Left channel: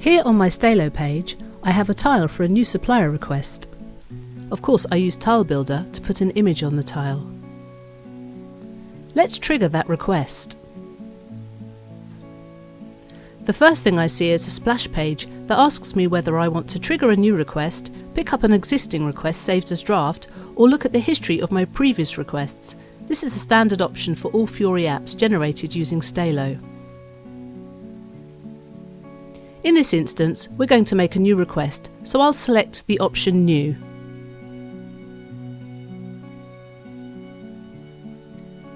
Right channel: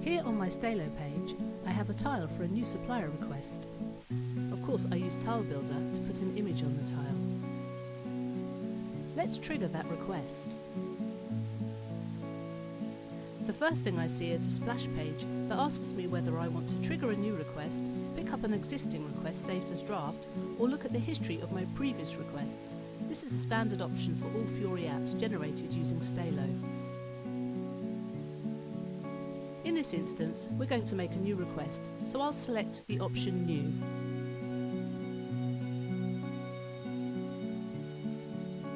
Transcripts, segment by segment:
Here on my Stelo page, I have a tile for a new supplier request. Of course, I use Tile Builder to put an image on the tile. Let's trigger that request. The first thing I see is a splash page that asks me whether I want to trigger a new request, pick up an existing request saved as draft, or look at the history of my previous requests. This is a standard option for all Fiori apps generated using Stelo. In this instance, we're going to make a new request, so I'll select the option New.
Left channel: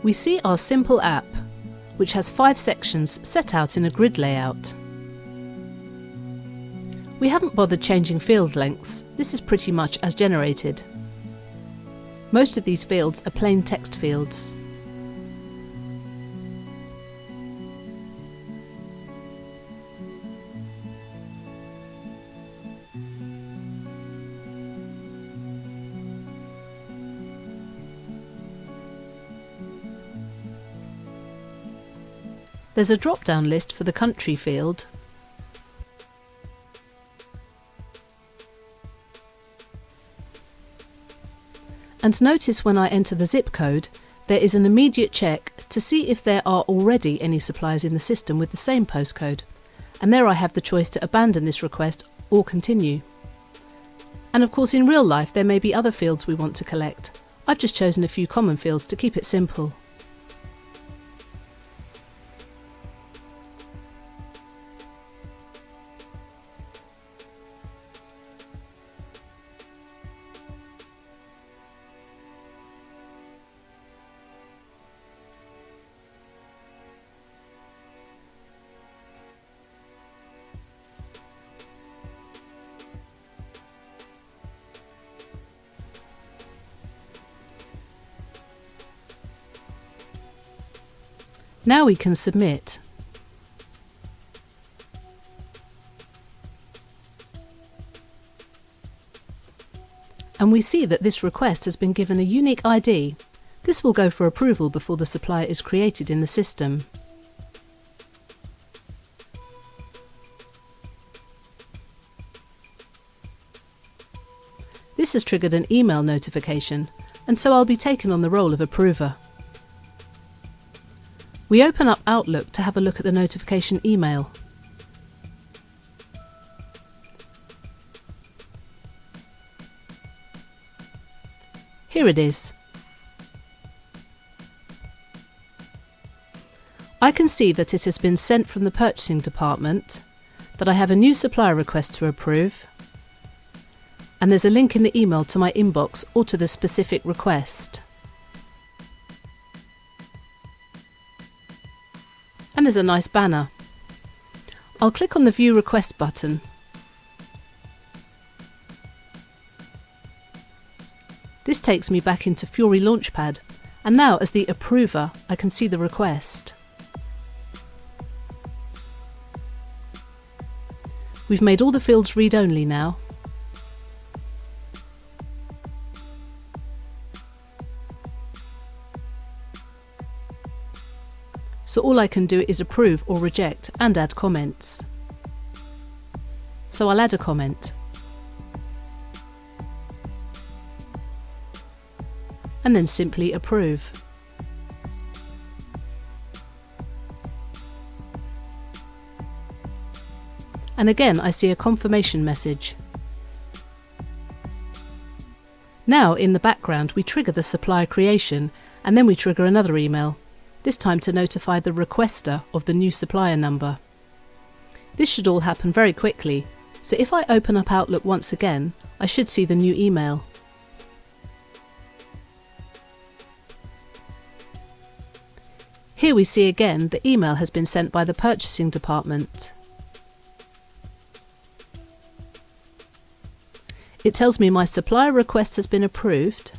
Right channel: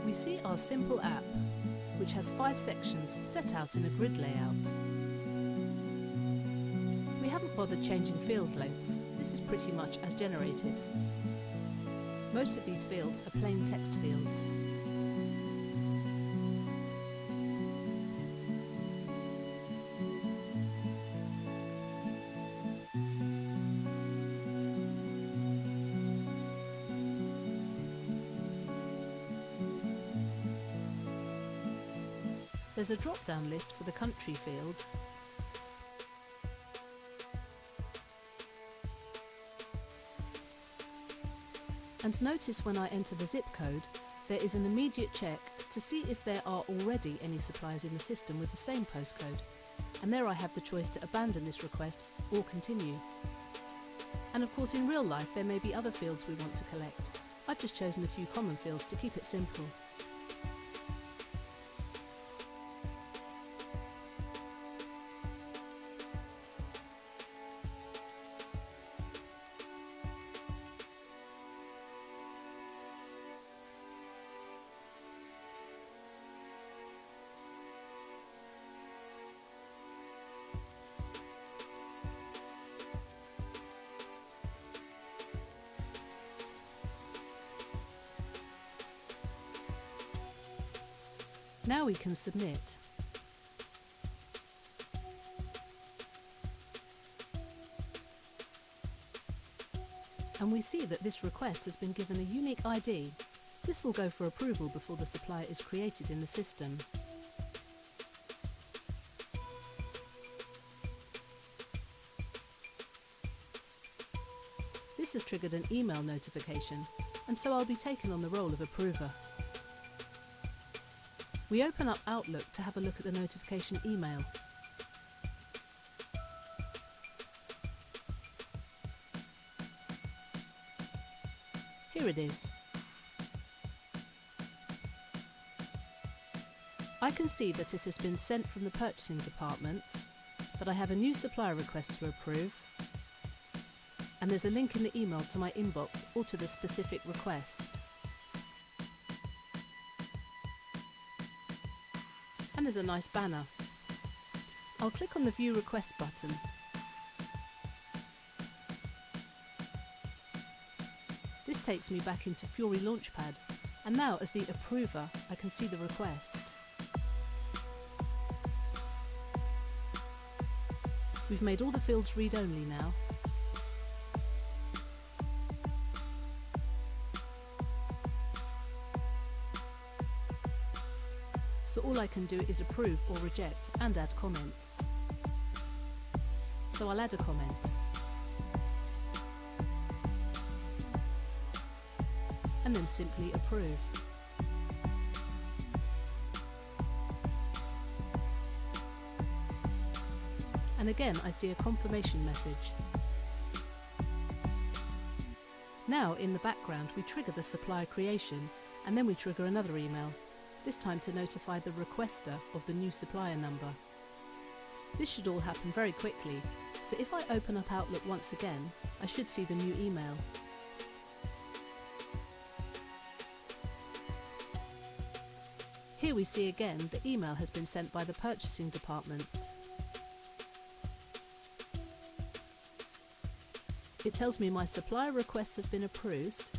We see our simple app, which has 5 sections set out in a grid layout. We haven't bothered changing field lengths. This is pretty much as generated. Most of these fields are plain text fields. There's a drop-down list for the country field, and notice when I enter the zip code, there is an immediate check to see if there are already any suppliers in the system with the same postcode, and there I have the choice to abandon this request or continue. And of course, in real life there may be other fields we want to collect. I've just chosen a few common fields to keep it simple. Now we can submit. And we see that this request has been given a unique ID. This will go for approval before the supplier is created in the system. This has triggered an email notification, and so I'll be taken on the role of approver. We open up Outlook to have a look at the notification email. Here it is. I can see that it has been sent from the purchasing department, that I have a new supplier request to approve, and there's a link in the email to my inbox or to the specific request. And there's a nice banner. I'll click on the View Request button. This takes me back into Fiori Launchpad, and now as the approver I can see the request. We've made all the fields read-only now. So all I can do is approve or reject and add comments. So I'll add a comment. And then simply approve. And again I see a confirmation message. Now in the background we trigger the supplier creation, and then we trigger another email, this time to notify the requester of the new supplier number. This should all happen very quickly, so if I open up Outlook once again, I should see the new email. Here we see again the email has been sent by the purchasing department. It tells me my supplier request has been approved,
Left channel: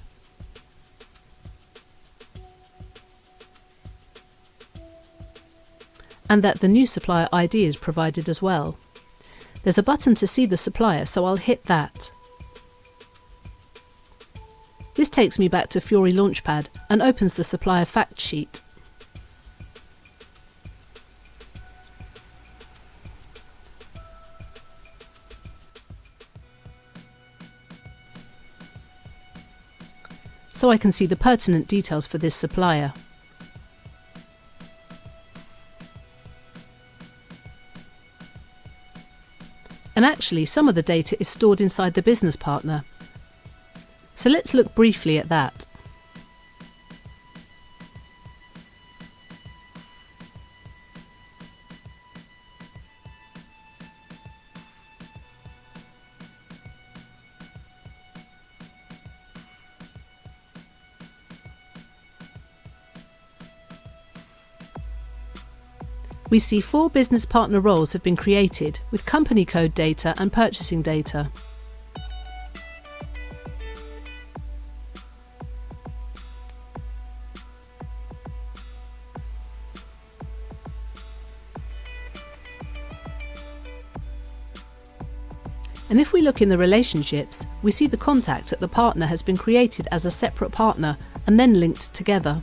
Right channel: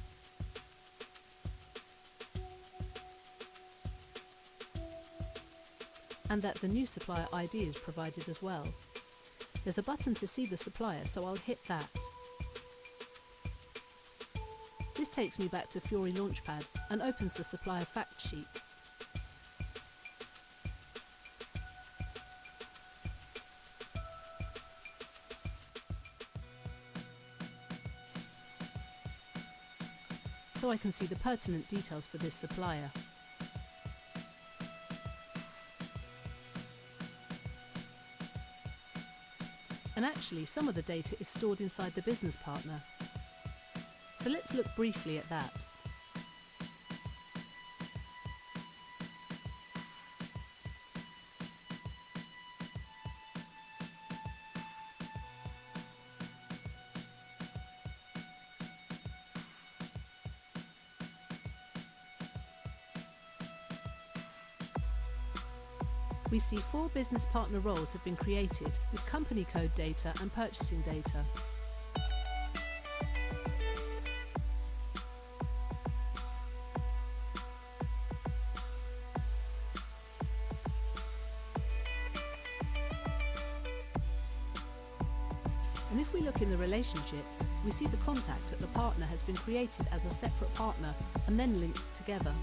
and that the new supplier ID is provided as well. There's a button to see the supplier, so I'll hit that. This takes me back to Fiori Launchpad and opens the supplier fact sheet. so I can see the pertinent details for this supplier. And actually, some of the data is stored inside the business partner. So let's look briefly at that. We see 4 business partner roles have been created with company code data and purchasing data. And if we look in the relationships, we see the contact at the partner has been created as a separate partner and then linked together.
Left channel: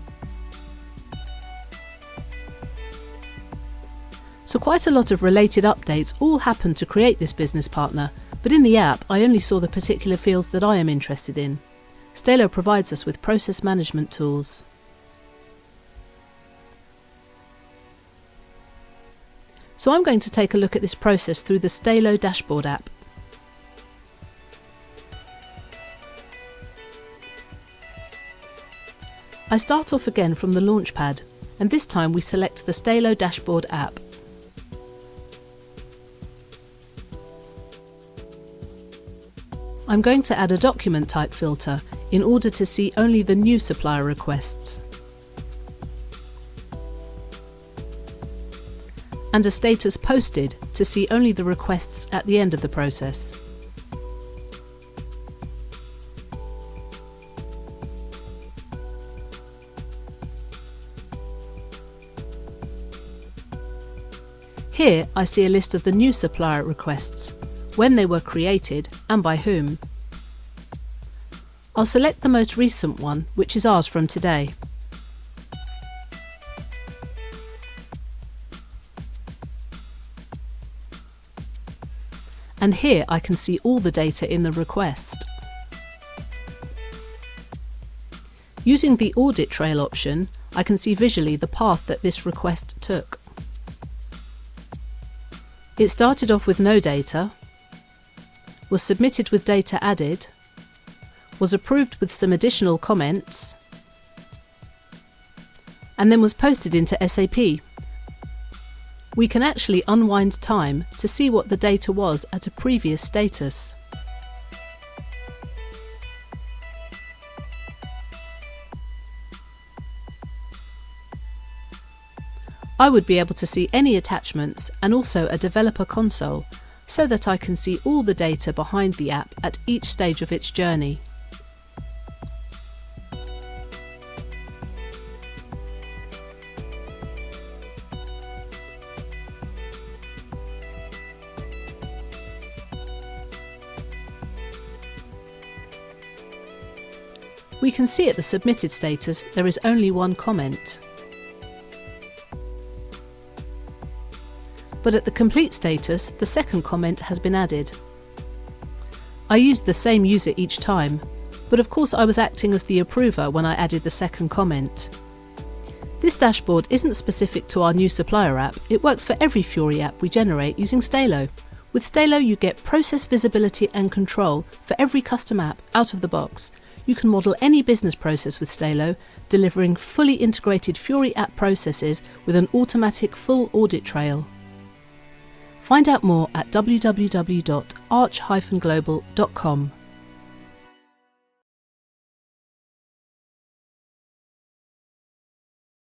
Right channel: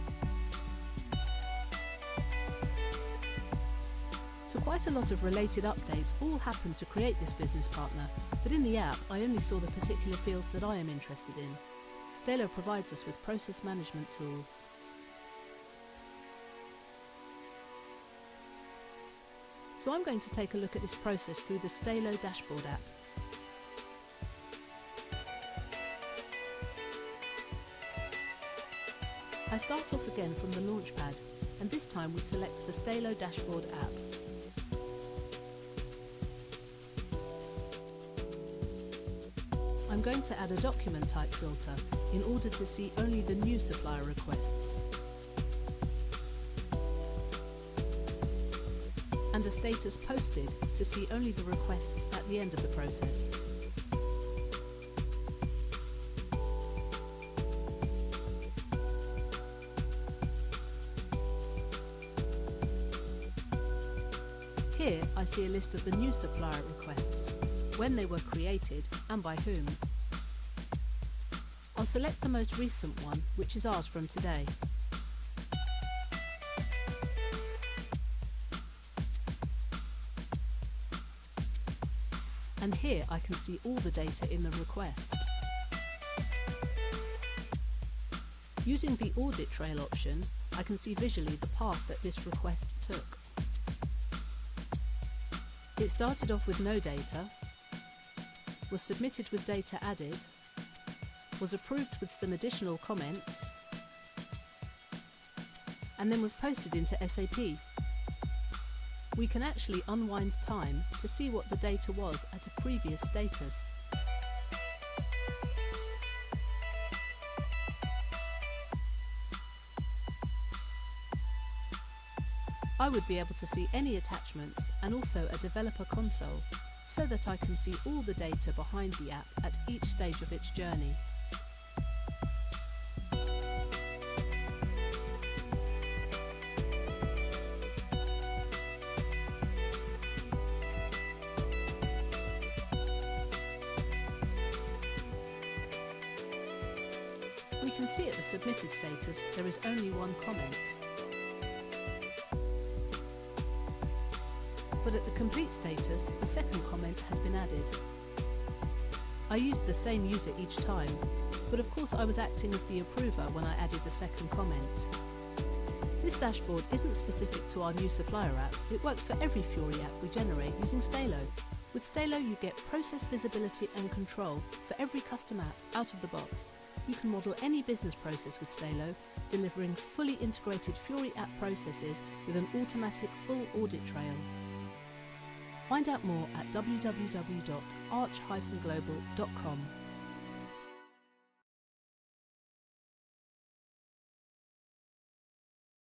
So quite a lot of related updates all happened to create this business partner, but in the app I only saw the particular fields that I am interested in. Stelo provides us with process management tools. So I'm going to take a look at this process through the Stelo dashboard app. I start off again from the Launchpad, and this time we select the Stelo dashboard app. I'm going to add a document type filter in order to see only the new supplier requests, and a status posted to see only the requests at the end of the process. Here I see a list of the new supplier requests, when they were created and by whom. I'll select the most recent one, which is ours from today. And here I can see all the data in the request. Using the audit trail option, I can see visually the path that this request took. It started off with no data, was submitted with data added, was approved with some additional comments, and then was posted into SAP. We can actually unwind time to see what the data was at a previous status. I would be able to see any attachments and also a developer console, so that I can see all the data behind the app at each stage of its journey. We can see at the submitted status there is only one comment. But at the complete status, the second comment has been added. I used the same user each time, but of course I was acting as the approver when I added the second comment. This dashboard isn't specific to our new supplier app, it works for every Fiori app we generate using Stelo. With Stelo you get process visibility and control for every custom app out of the box. You can model any business process with Stelo, delivering fully integrated Fiori app processes with an automatic full audit trail. Find out more at www.arch-global.com.